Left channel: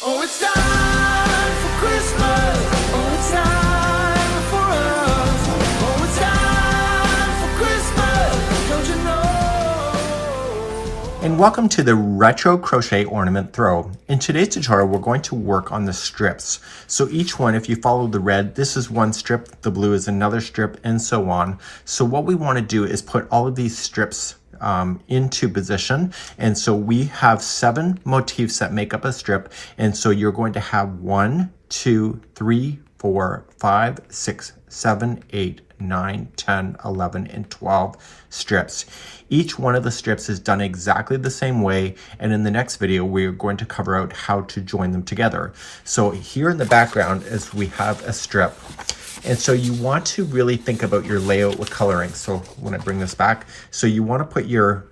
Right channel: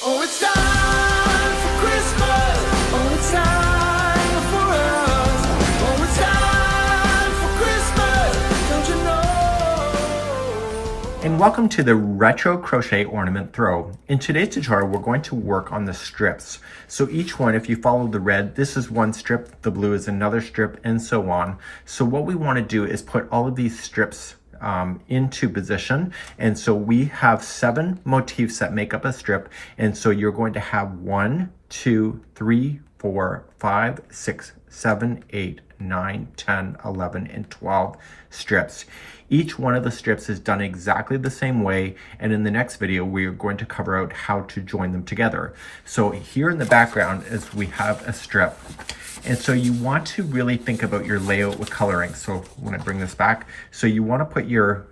Oh, it's time for Christmas. Oh, it's time for us. Oh, it's time for Christmas. Don't you know? And welcome to the Retro Crochet Ornament Throw. In today's tutorial, we're going to work on the strips. So each one, if you follow the red, this is one strip, the blue is another strip, and so on. So what we want to do is put all of these strips into position. And so we have 7 motifs that make up a strip. And so you're going to have 1, 2, 3, 4, 5, 6, 7, 8, 9, 10, 11, and 12 strips. Each one of the strips is done exactly the same way, and in the next video we're going to cover out how to join them together. So here in the background is we have a strip, and so you want to really think about your layout with coloring. So when I bring this back, so you want to put your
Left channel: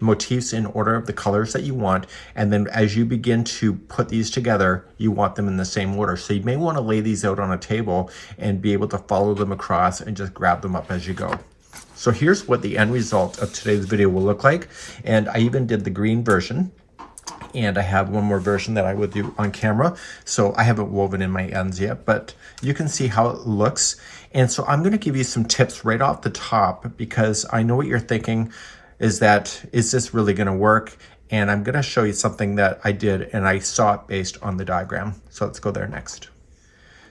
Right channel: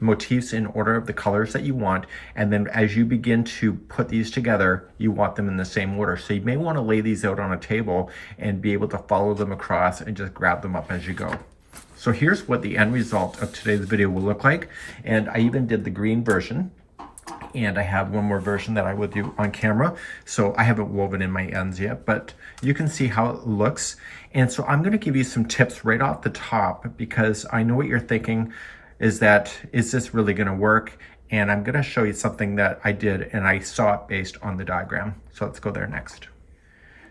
motifs in order of the colors that you want, and then as you begin to put these together, you want them in the same order. So you may want to lay these out on a table and be able to follow them across and just grab them up as you go. So here's what the end result of today's video will look like. And I even did the green version, and I have one more version that I will do on camera. So I haven't woven in my ends yet, but you can see how it looks. And so I'm going to give you some tips right off the top, because I know what you're thinking is this really going to work? And I'm going to show you something that I did and I saw it based on the diagram. So let's go there next.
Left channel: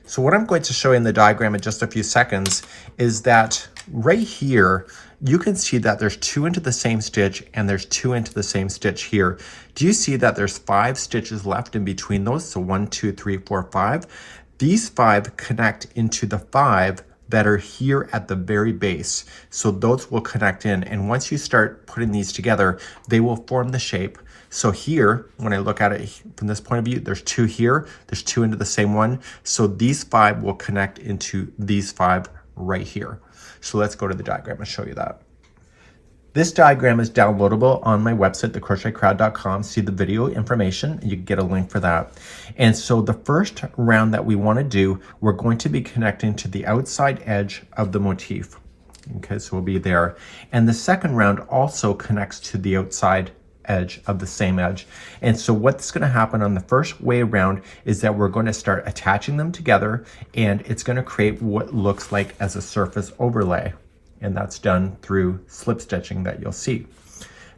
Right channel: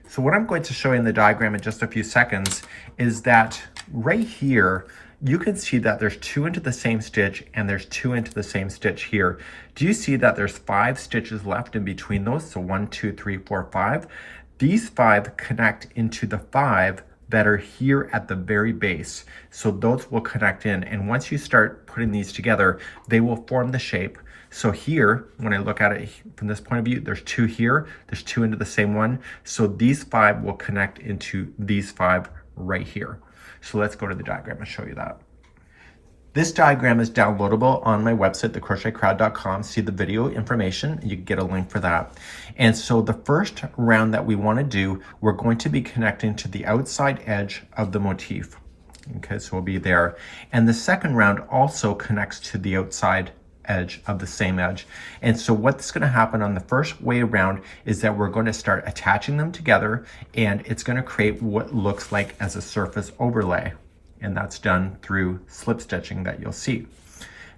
So what I'm going to show you in the diagram in just a few seconds is that right here, you can see that there's 2 into the same stitch and there's 2 into the same stitch here. Do you see that there's 5 stitches left in between those? So 1, 2, 3, 4, 5. These 5 connect into the 5 that are here at the very base. So those will connect in, and once you start putting these together, they will form the shape. So here, when I look at it from this point of view, there's 2 here, there's 2 into the same one. So these 5 will connect into these 5 right here. So let's go to the diagram and show you that. This diagram is downloadable on my website, thecrochetcrowd.com. See the video information, you can get a link for that. And so the first round that we want to do, we're going to be connecting to the outside edge of the motif. Okay, so we'll be there. And the second round also connects to the outside edge of the same edge. And so what's going to happen on the first way around is that we're going to start attaching them together, and it's going to create what looks like as a surface overlay. And that's done through slip stitching that you'll see.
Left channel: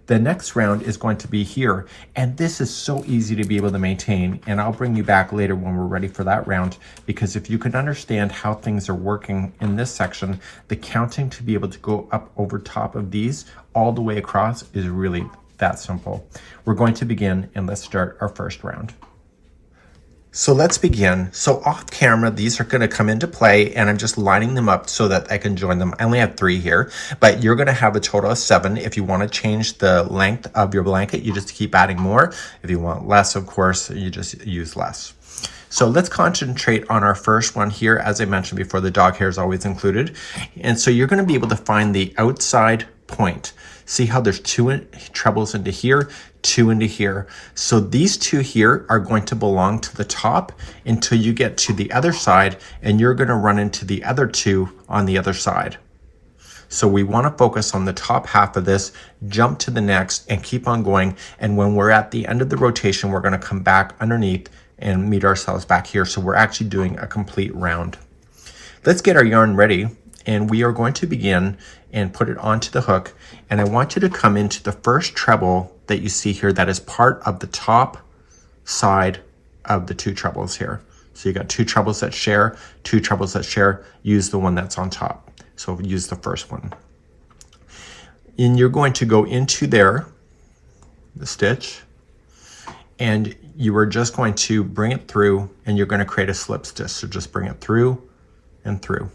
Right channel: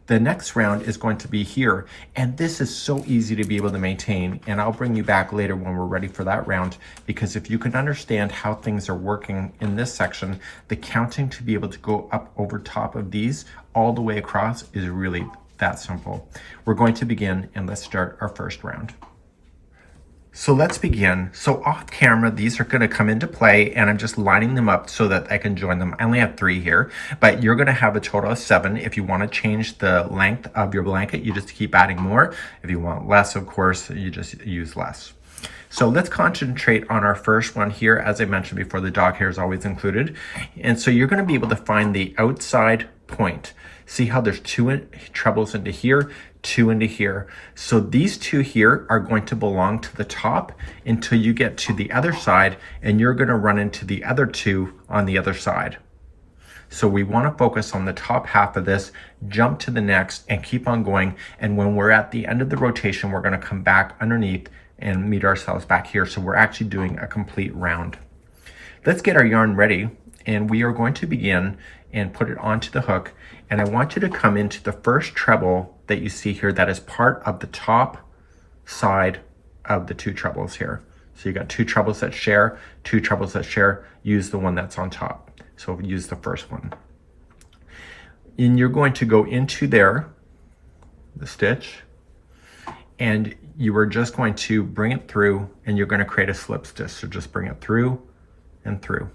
The next round is going to be here, and this is so easy to be able to maintain, and I'll bring you back later when we're ready for that round, because if you can understand how things are working in this section, the counting to be able to go up over top of these all the way across is really that simple. We're going to begin, and let's start our first round. So let's begin. So off camera, these are going to come into play, and I'm just lining them up so that I can join them. I only have 3 here, but you're going to have a total of 7. If you want to change the length of your blanket, you just keep adding more. If you want less, of course, you just use less. So let's concentrate on our first one here. As I mentioned before, the dog hair is always included. And so you're going to be able to find the outside point. See how there's 2 trebles into here, 2 into here. So these 2 here are going to belong to the top until you get to the other side, and you're going to run into the other 2 on the other side. So we want to focus on the top half of this, jump to the next, and keep on going. And when we're at the end of the rotation, we're going to come back underneath and meet ourselves back here. So we're actually doing a complete round. Let's get our yarn ready, and we are going to begin and put it onto the hook. And I want you to come into the first treble that you see here that is part of the top side of the 2 trebles here. So you got 2 trebles that share, 2 trebles that share, use the one that's on top. So use the first one. And you're going to go into there, the stitch, and you are just going to bring it through, and you're going to create a slip stitch. So just bring it through and through.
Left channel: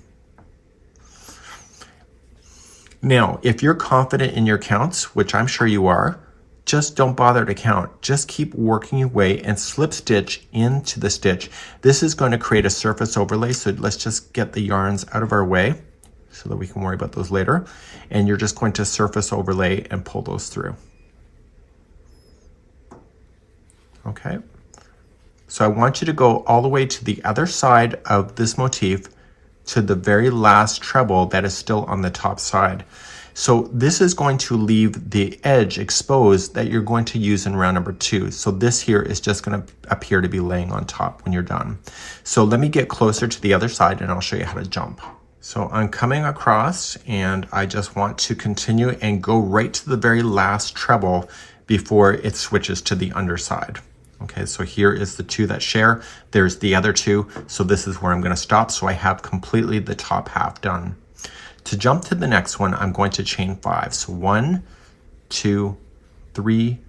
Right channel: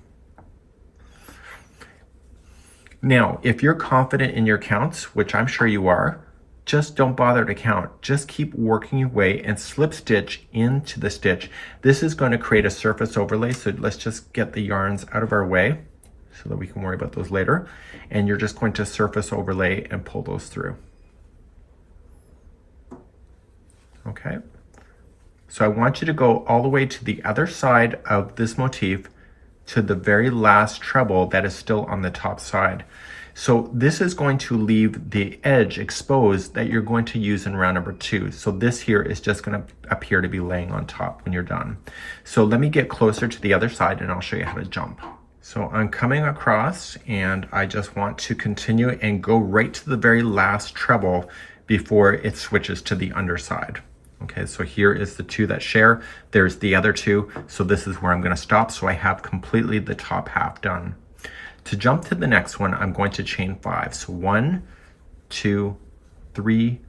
Now, if you're confident in your counts, which I'm sure you are, just don't bother to count. Just keep working your way and slip stitch into the stitch. This is going to create a surface overlay, so let's just get the yarns out of our way so that we can worry about those later. And you're just going to surface overlay and pull those through. Okay. So I want you to go all the way to the other side of this motif to the very last treble that is still on the top side. So this is going to leave the edge exposed that you're going to use in round number 2. So this here is just going to appear to be laying on top when you're done. So let me get closer to the other side and I'll show you how to jump. So I'm coming across and I just want to continue and go right to the very last treble before it switches to the underside. Okay, so here is the 2 that share. There's the other 2. So this is where I'm going to stop. So I have completely the top half done. To jump to the next one, I'm going to chain 5. So 1, 2, 3,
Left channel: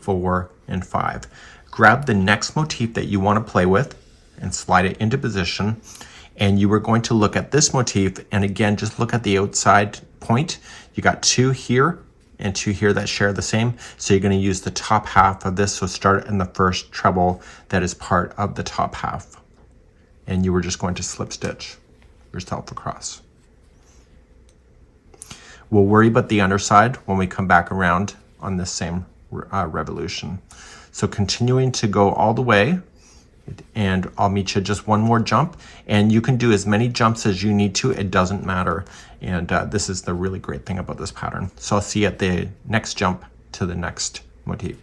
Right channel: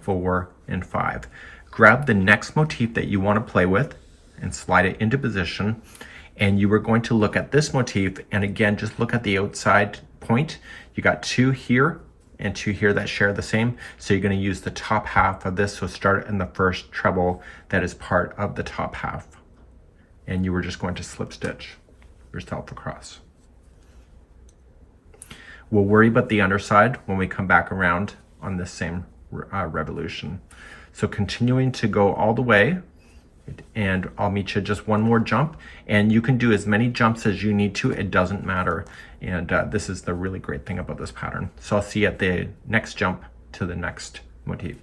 4, and 5. Grab the next motif that you want to play with and slide it into position. And you are going to look at this motif, and again, just look at the outside point. You got 2 here and 2 here that share the same. So you're going to use the top half of this. So start in the first treble that is part of the top half. And you were just going to slip stitch yourself across. We'll worry about the underside when we come back around on this same revolution. So continuing to go all the way, and I'll meet you just one more jump, and you can do as many jumps as you need to. It doesn't matter. And this is the really great thing about this pattern. So I'll see you at the next jump to the next motif.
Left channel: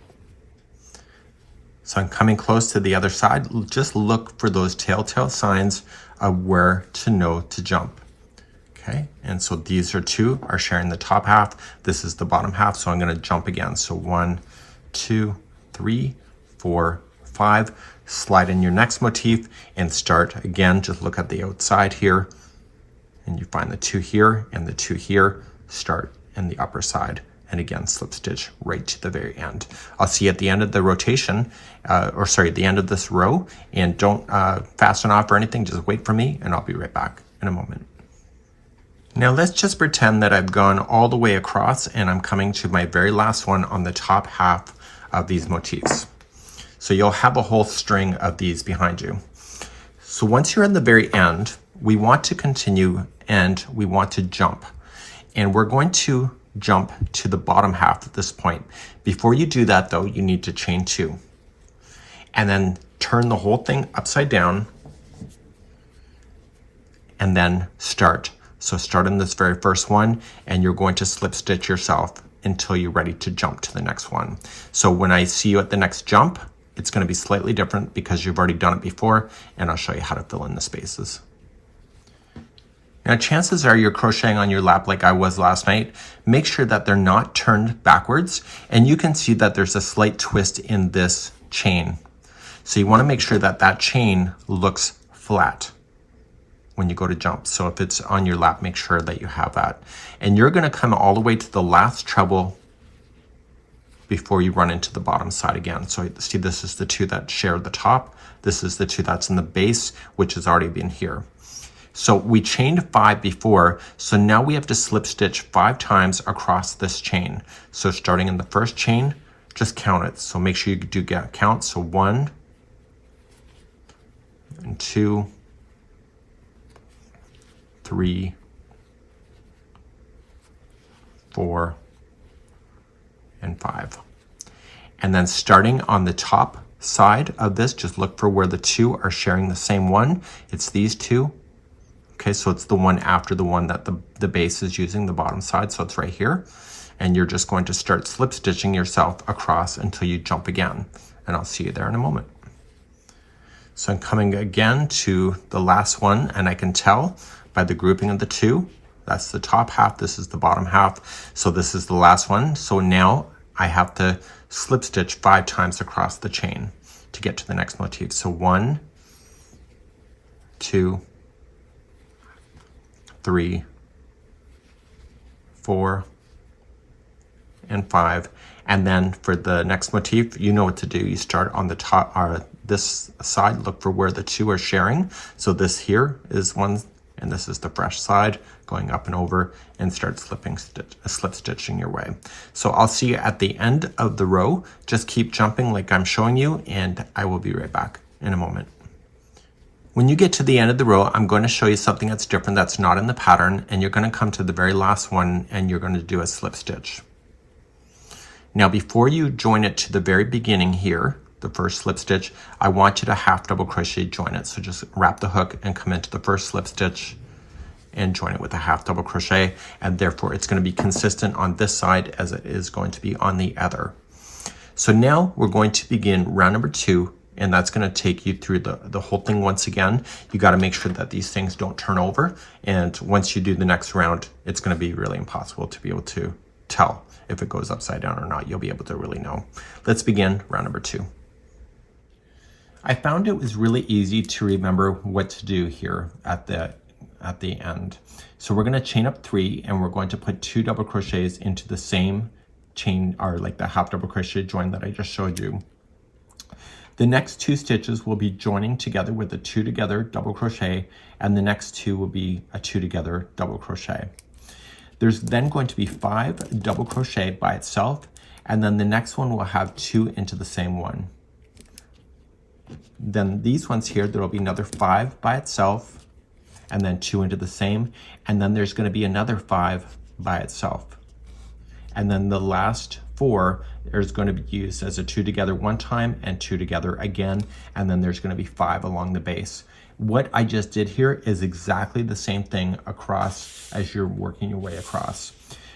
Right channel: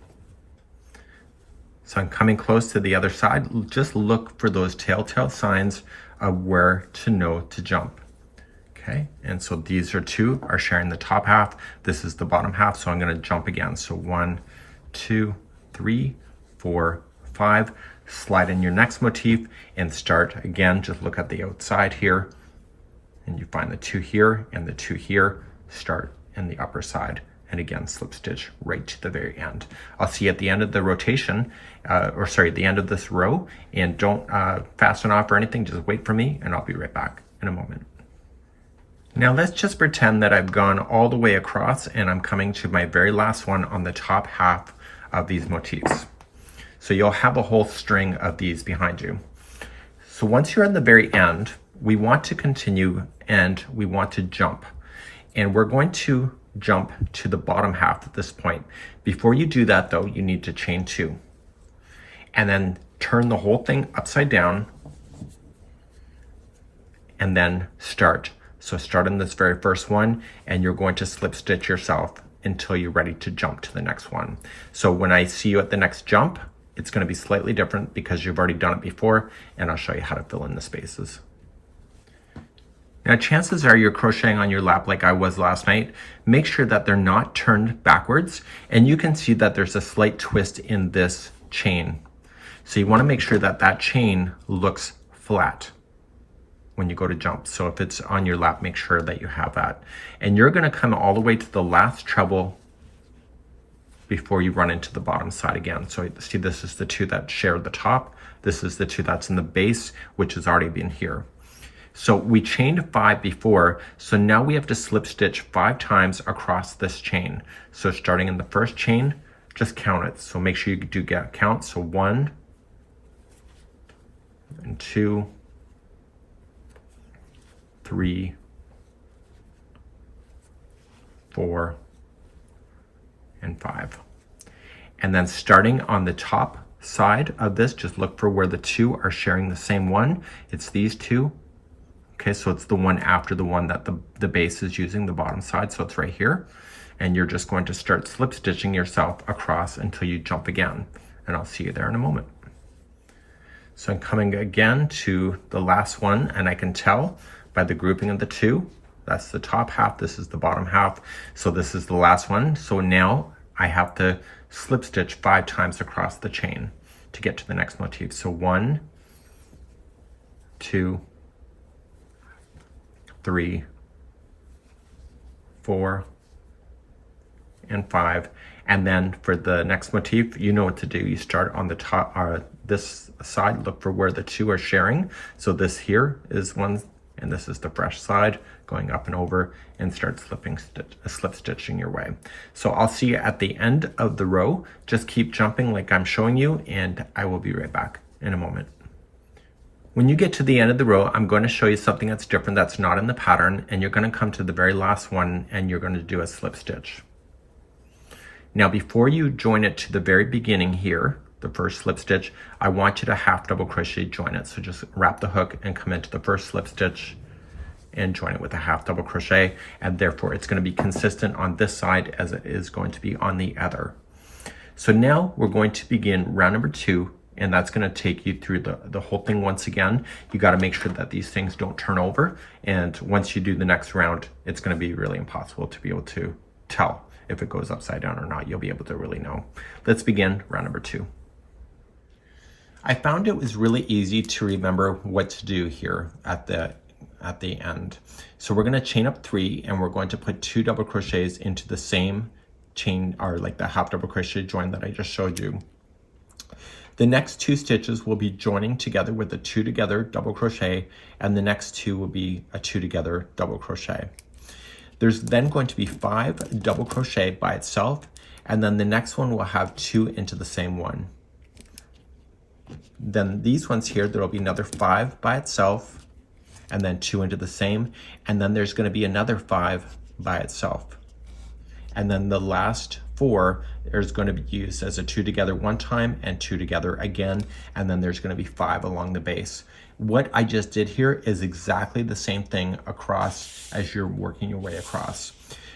So I'm coming close to the other side. Just look for those telltale signs of where to know to jump. Okay, and so these are 2 are sharing the top half. This is the bottom half, so I'm going to jump again. So 1, 2, 3, 4, 5. Slide in your next motif and start again. Just look at the outside here, and you find the 2 here and the 2 here. Start in the upper side, and again slip stitch right to the very end. I'll see you at the end of the rotation, the end of this row, and don't fasten off or anything. Just wait for me, and I'll be right back in a moment. Now let's just pretend that I've gone all the way across and I'm coming to my very last one on the top half of these motifs. So you'll have a whole string of these behind you. So once you're at the very end, we want to continue and we want to jump. And we're going to jump to the bottom half at this point. Before you do that though, you need to chain 2. And then turn the whole thing upside down and then start. So start in this very first one, and you're going to slip stitch yourself until you're ready to jump to the next one. So when I see you at the next jump, it's going to be slightly different because you've already done it before, and I'll show you how to fill in the spaces. Now chances are you're crocheting on your lap like I was last night. Make sure that they're not turned backwards, and you can see that there's a slight twist in this chain. So you want to make sure that that chain looks flat when you go to jump. So if it's on your lap, make sure that you have that. And you're going to come all the way to the last treble before you run into the bottom side again. So see, this is the 2 that share the top. This is the 2 that's in the base, which has already been here. So we chained 5 before, so now we have to slip stitch 5 times across this chain. So starting in the first chain, just count it. So make sure you do get count. So 1 and 2, 3, 4, and 5. And then starting on the top side of this, just look for where the 2 are sharing the same one. It's these 2. Okay, so it's the one after the one that the base is using, the bottom side, so it's right here. And you're just going to start slip stitching yourself across until you jump again. And I'll see you there in a moment. So I'm coming again to the last one, and I can tell by the grouping of the 2, that's the top half, this is the bottom half. So this is the last one. So now I have to slip stitch 5 times across the chain to get to the next motif. So 1, 2, 3, 4, and 5. And then for the next motif, you know what to do. You start on the top, this side, look for where the 2 are sharing. So this here is one, and this is the fresh side, going up and over, and start slip stitching your way. So I'll see you at the end of the row. Just keep jumping like I'm showing you, and I will be right back in a moment. When you get to the end of the row, I'm going to show you something that's different that's not in the pattern, and you're going to come to the very last one and you're going to do a slip stitch. Now before you join it to the very beginning here, the first slip stitch, I want you to half double crochet join it. So just wrap the hook and come into the first slip stitch and join it with a half double crochet, and therefore it's going to be consistent on this side as it is going to be on the other. So now we're going to begin round number 2, and that's going to take you through the whole thing once again. You got to make sure that these things don't turn over, and once you do the next round, it's going to be really impossible to be able to tell if it goes upside down or not. You'll be able to really know. Let's begin round number 2. I found it was really easy to remember what to do here at the end. So we're going to chain up 3, and we're going to put 2 double crochets into the same chain, or like the half double crochet join that I just showed you. The next 2 stitches will be joining together with a 2 together double crochet, and the next 2 will be a 2 together double crochet. There's then going to be 5 double crochet by itself, and then the next one will have 2 into the same one. Then these ones here, there will be another 5 by itself, and then 2 into the same, and then there's going to be another 5 by itself. And then the last 4 is going to be used as a 2 together one time and 2 together again, and then there's going to be 5 along the base. What I just did here is exactly the same thing across as you're working your way across.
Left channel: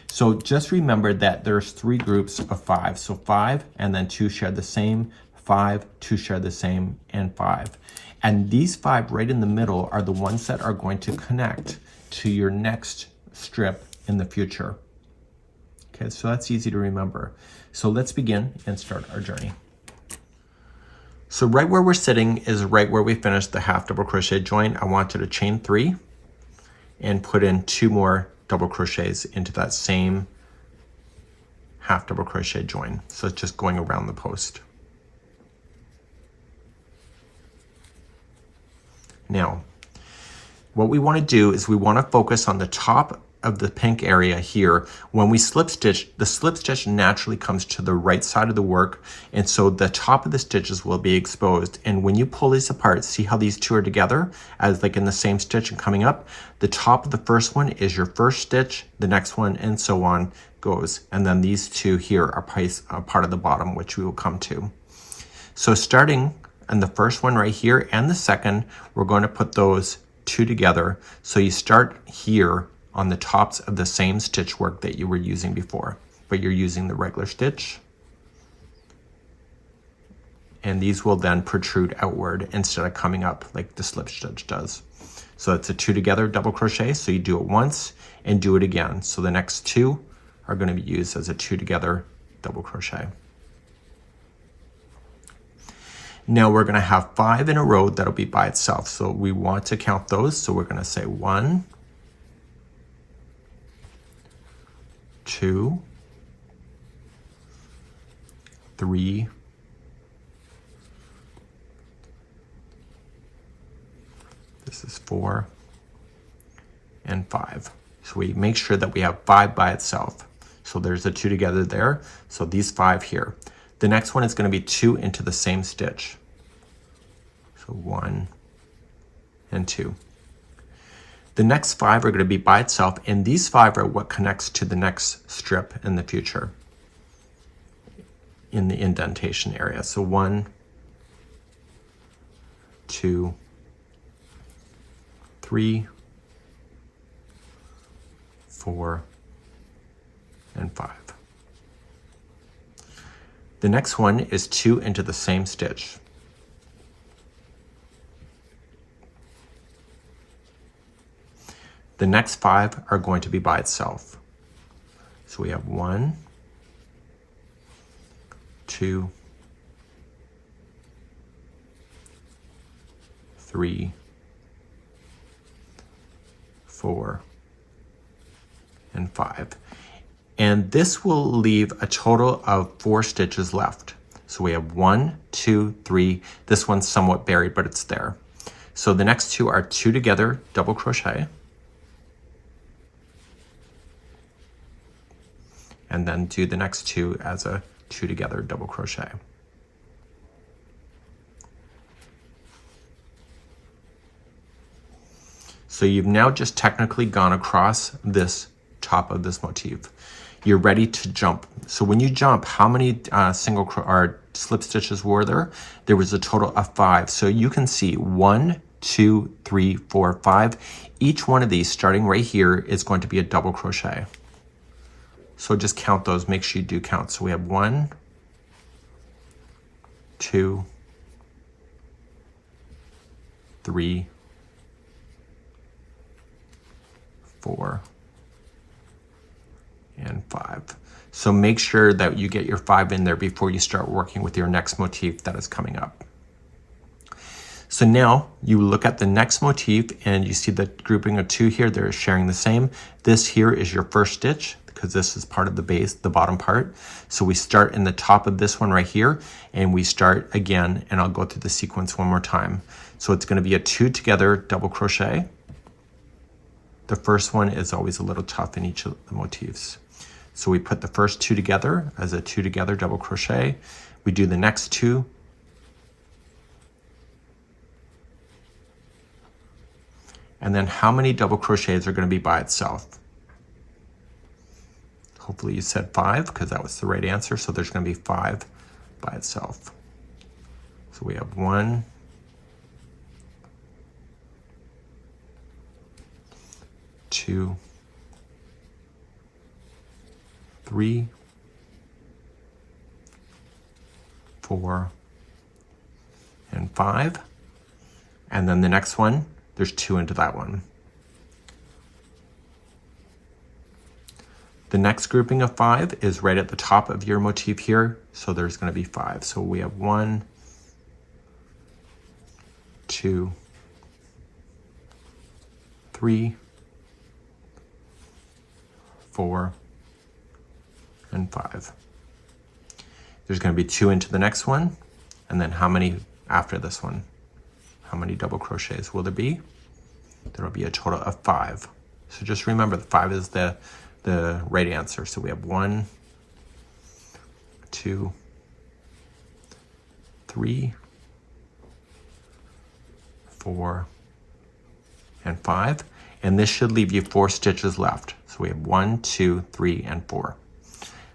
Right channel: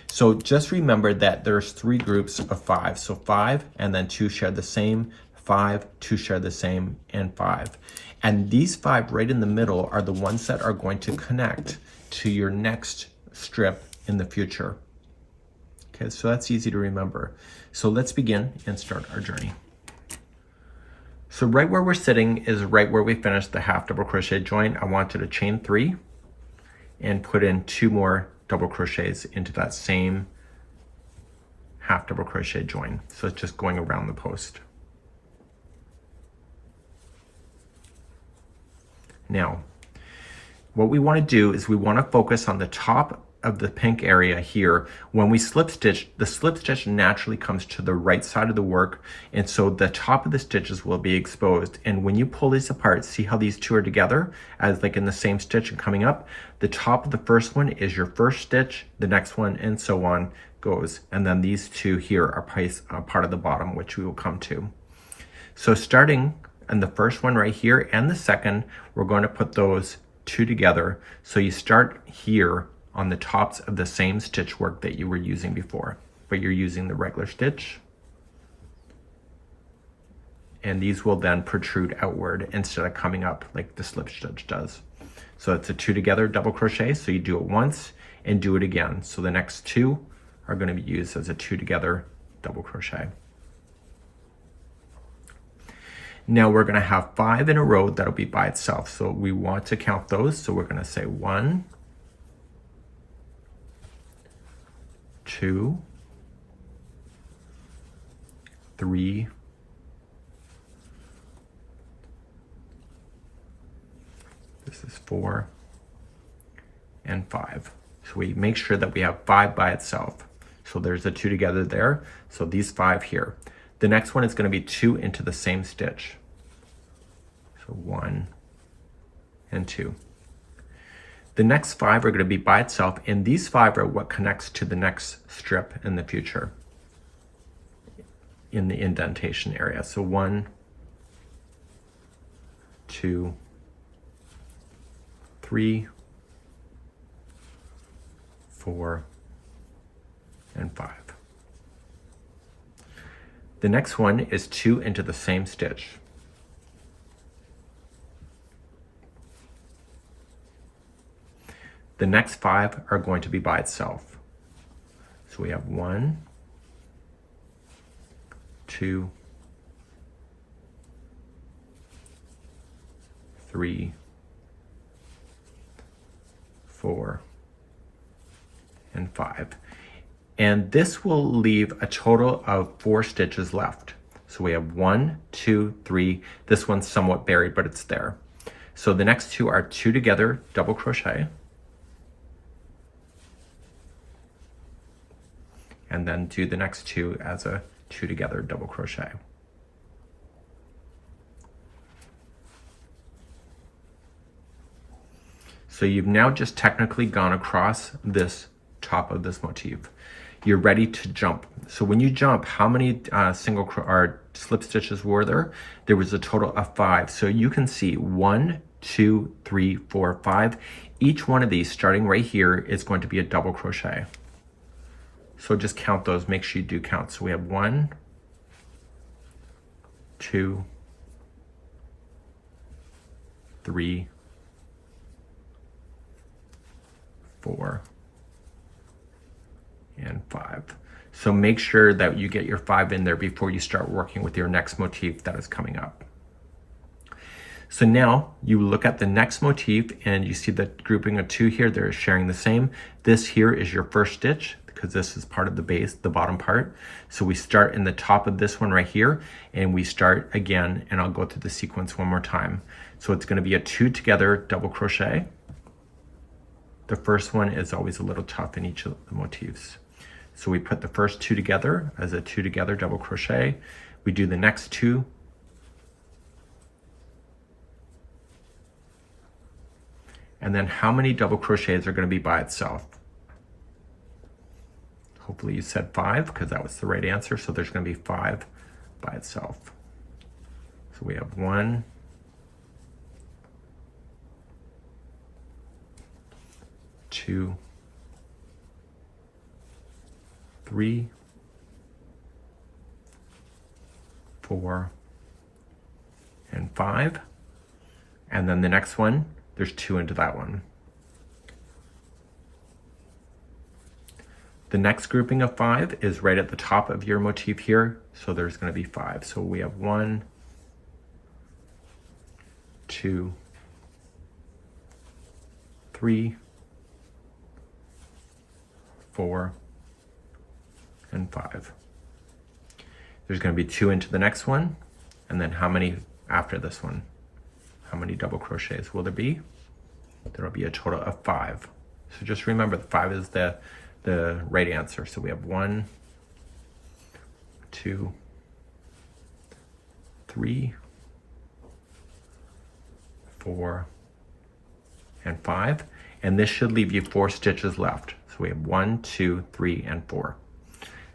So just remember that there's 3 groups of 5. So 5 and then 2 share the same, 5, 2 share the same, and 5. And these 5 right in the middle are the ones that are going to connect to your next strip in the future. Okay, so that's easy to remember. So let's begin and start our journey. So right where we're sitting is right where we finished the half double crochet join. I wanted to chain 3 and put in 2 more double crochets into that same half double crochet join. So it's just going around the post. Now, what we want to do is we want to focus on the top of the pink area here. When we slip stitch, the slip stitch naturally comes to the right side of the work, and so the top of the stitches will be exposed. And when you pull these apart, see how these 2 are together as like in the same stitch and coming up? The top of the first one is your first stitch, the next one, and so on goes. And then these 2 here are part of the bottom, which we will come to. So starting in the first one right here and the second, we're going to put those 2 together. So you start here on the tops of the same stitch work that you were using before, but you're using the regular stitch. And these will then protrude outward instead of coming up like the slip stitch does. So it's a 2 together double crochet. So you do it once and do it again. So the next 2 are going to be used as a 2 together double crochet. Now we're going to have 5 in a row that'll be by itself. So we want to count those. So we're going to say 1, 2, 3, 4, and 5. So we make sure that we have 5 by itself. So there's the 2 together there. So these 5 here. The next one is going to be 2 into the same stitch. So 1 and 2. The next 5 are going to be by itself, and these 5 are what connects to the next strip in the future in the indentation area. So 1, 2, 3, 4, and 5. The next one is 2 into the same stitch. The next 5 are going to be by itself. So we have 1, 2, 3, 4, and 5. And this will leave a total of 4 stitches left. So we have 1, 2, 3. This one's somewhat buried, but it's there. So the next 2 are 2 together double crochet. And then do the next 2 as a 2 together double crochet. So you've now just technically gone across this top of this motif. You're ready to jump. So when you jump, how many single or slip stitches were there? There was a total of 5. So you can see 1, 2, 3, 4, 5. Each one of these, starting right here, is going to be a double crochet. So just count those, make sure you do count. So we have 1, 2, 3, 4, and 5. So make sure that you get your 5 in there before you start working with your next motif that is coming up. So now you look at the next motif and you see the grouping of 2 here, they're sharing the same. This here is your first stitch because this is part of the base, the bottom part. So we start in the top of this one right here and we start again, and I'll go through the sequence one more time. So it's going to be a 2 together double crochet. The first one is always a little tough in each of the motifs. So we put the first 2 together as a 2 together double crochet. We do the next 2. And then how many double crochets are going to be by itself? Hopefully you said 5 because that was the right answer. So there's going to be 5 by itself. So we have 1, 2, 3, 4, and 5. And then the next one, there's 2 into that one. The next grouping of 5 is right at the top of your motif here. So there's going to be 5. So we have 1, 2, 3, 4, and 5. There's going to be 2 into the next one, and then how many after this one? How many double crochets will there be? There will be a total of 5. So just remember the 5 is the right answer. So we have 1, 2, 3, 4, and 5. And this should leave you 4 stitches left. So we have 1, 2, 3, and 4.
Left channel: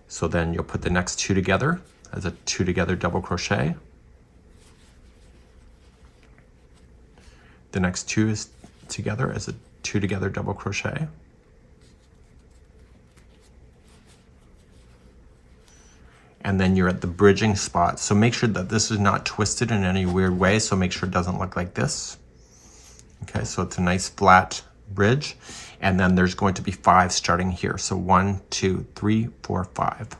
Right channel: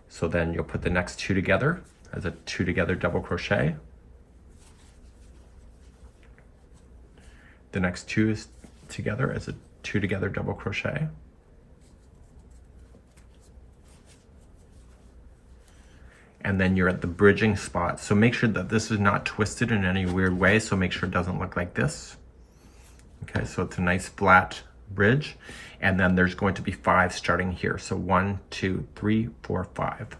So then you'll put the next 2 together as a 2 together double crochet. The next 2 is together as a 2 together double crochet. And then you're at the bridging spot. So make sure that this is not twisted in any weird way. So make sure it doesn't look like this. Okay, so it's a nice flat bridge. And then there's going to be 5 starting here. So 1, 2, 3, 4, 5.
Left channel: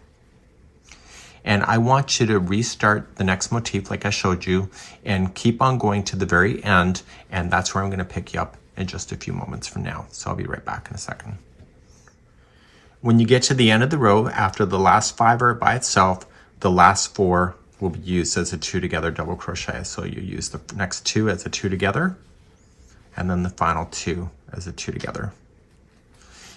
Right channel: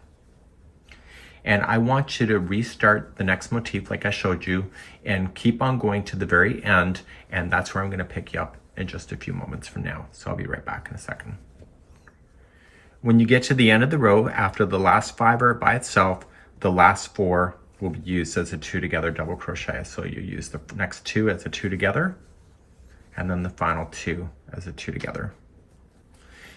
And I want you to restart the next motif like I showed you and keep on going to the very end. And that's where I'm going to pick you up in just a few moments from now. So I'll be right back in a second. When you get to the end of the row, after the last 5 are by itself, the last 4 will be used as a 2 together double crochet. So you use the next 2 as a 2 together, and then the final 2 as a 2 together.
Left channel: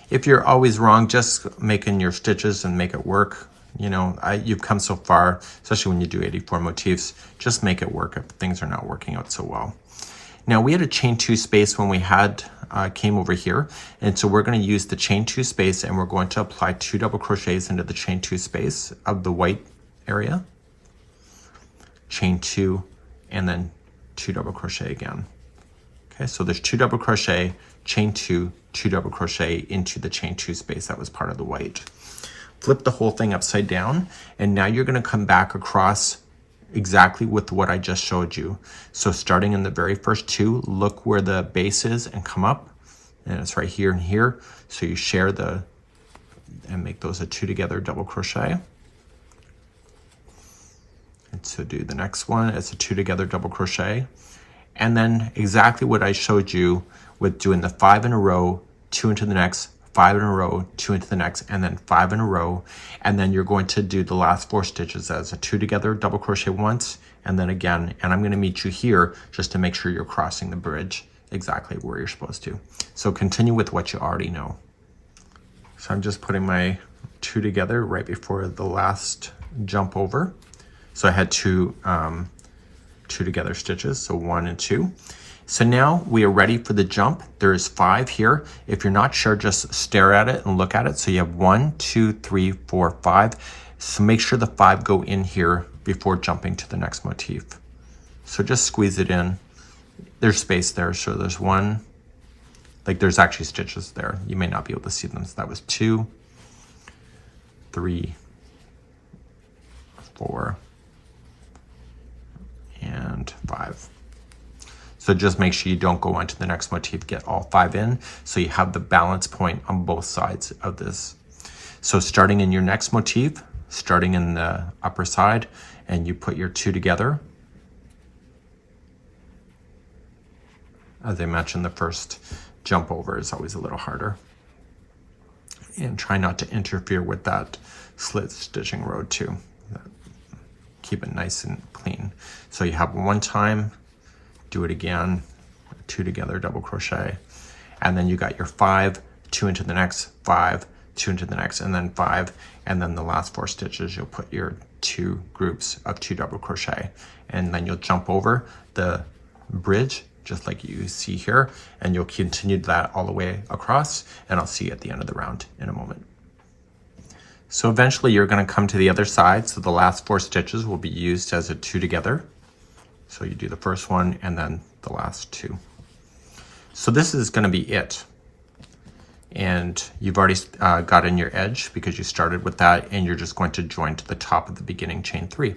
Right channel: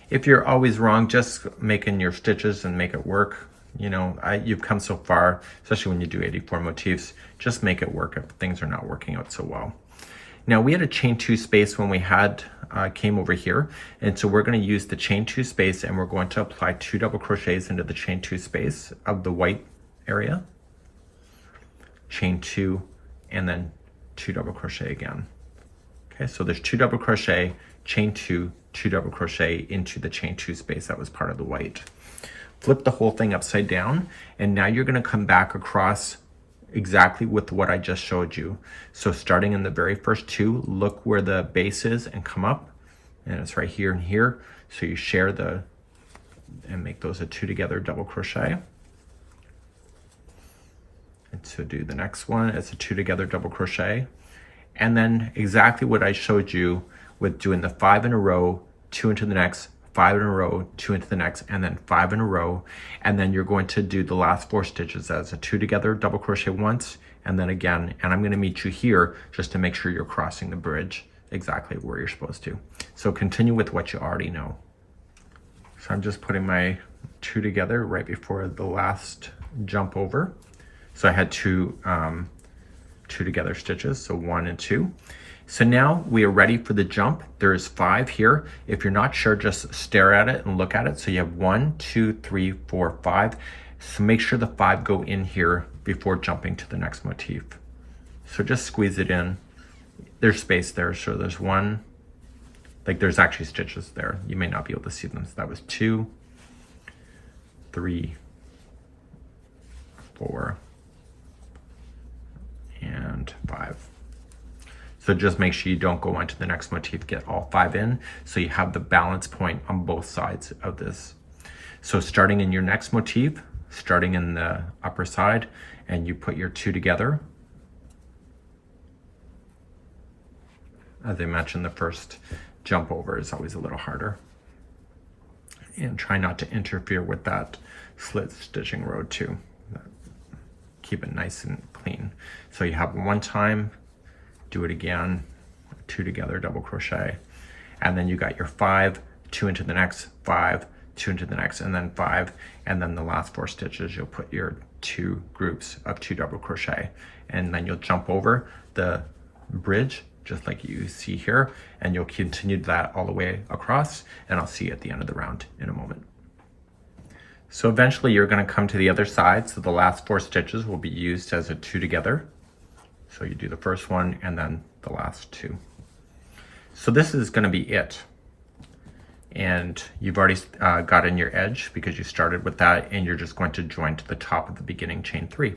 If you're always wrong, just making your stitches and make it work. You know, you've come so far, especially when you do 84 motifs, just make it work if things are not working out so well. Now we had a chain 2 space when we had came over here, and so we're going to use the chain 2 space and we're going to apply 2 double crochets into the chain 2 space of the white area, chain 2, and then 2 double crochet again. Okay, so there's 2 double crochet, chain 2, 2 double crochet into the chain 2 space that was part of the white. Flip the whole thing upside down, and now you're going to come back across exactly with what I just showed you. So starting in the very first 2, look where the base is and come up, and it's right here and here. So you share and make those a 2 together double crochet. And so do the next one as a 2 together double crochet. And then exactly what I showed you with doing the 5 in a row, 2 into the next, 5 in a row, 2 into the next, and then 5 in a row. And then you're going to do the last 4 stitches as a 2 together double crochet once, and then again. And I'm going to meet you here just to make sure you're crossing the bridge exactly where you're supposed to. So continue with what you already know. So I'm just putting my 2 together right before the last jump over. So I had 2 together stitches, so 1 and 2. So now we are ready for the jump. There's 5 here. If you're not sure, just stare at it and look at it. So you have 1, 2, 3, 4, 5. So make sure the 5 go in here before jumping to the next motif. So just squeeze it in there's space there. So there's 1, like there's actually stitches there. You may not be able to see them. So that was 2, 3, 4, and 5. So just make sure you don't go on to the next motif, get all 5 in, so you have the balance point on both sides of this. So starting in your next motif, starting in the upper side, and you put your 2 together. As I mentioned, the first jump over is always a little harder. And try not to interfere with that slit stitching row too. Keep it nice and clean. So you have 1 time, do it again, 2 together, double crochet, and then you got your 5, 2 into the next, 5, 2 into the next, and then 5, and then the last 4 stitches you'll put your 2 groups of 2 double crochet, and then you'll jump over the bridge just like you see here, and you'll continue that all the way across, and I'll see you at the end of the round in a moment. So eventually you're going to come to the other side, so the last 4 stitches will be used as a 2 together. So you do the first one and then the last 2. So this is going to be it. And you've already got in your edge because you started with that, and you're just going to join to the top of the beginning chain 3.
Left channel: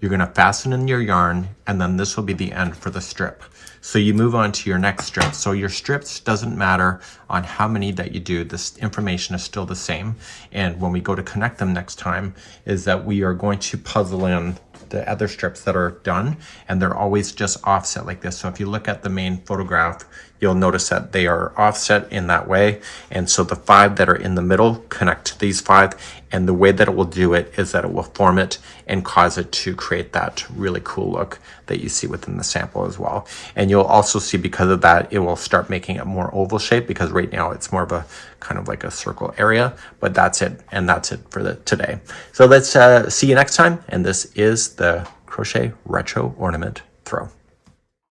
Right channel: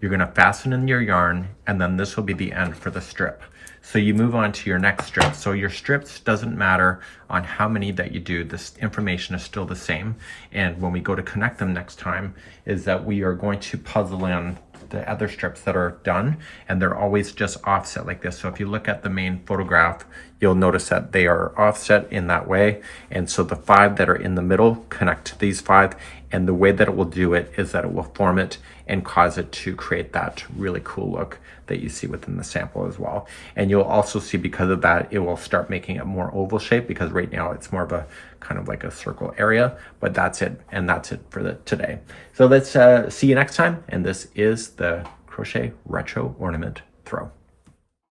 You're going to fasten in your yarn, and then this will be the end for the strip. So you move on to your next strip. So your strips doesn't matter on how many that you do, this information is still the same. And when we go to connect them next time, is that we are going to puzzle in the other strips that are done, and they're always just offset like this. So if you look at the main photograph, you'll notice that they are offset in that way. And so the 5 that are in the middle connect to these 5, and the way that it will do it is that it will form it and cause it to create that really cool look that you see within the sample as well. And you'll also see, because of that, it will start making it more oval shape, because right now it's more of a kind of like a circle area. But that's it, and that's it for today. So let's see you next time, and this is the Crochet Retro Ornament Throw.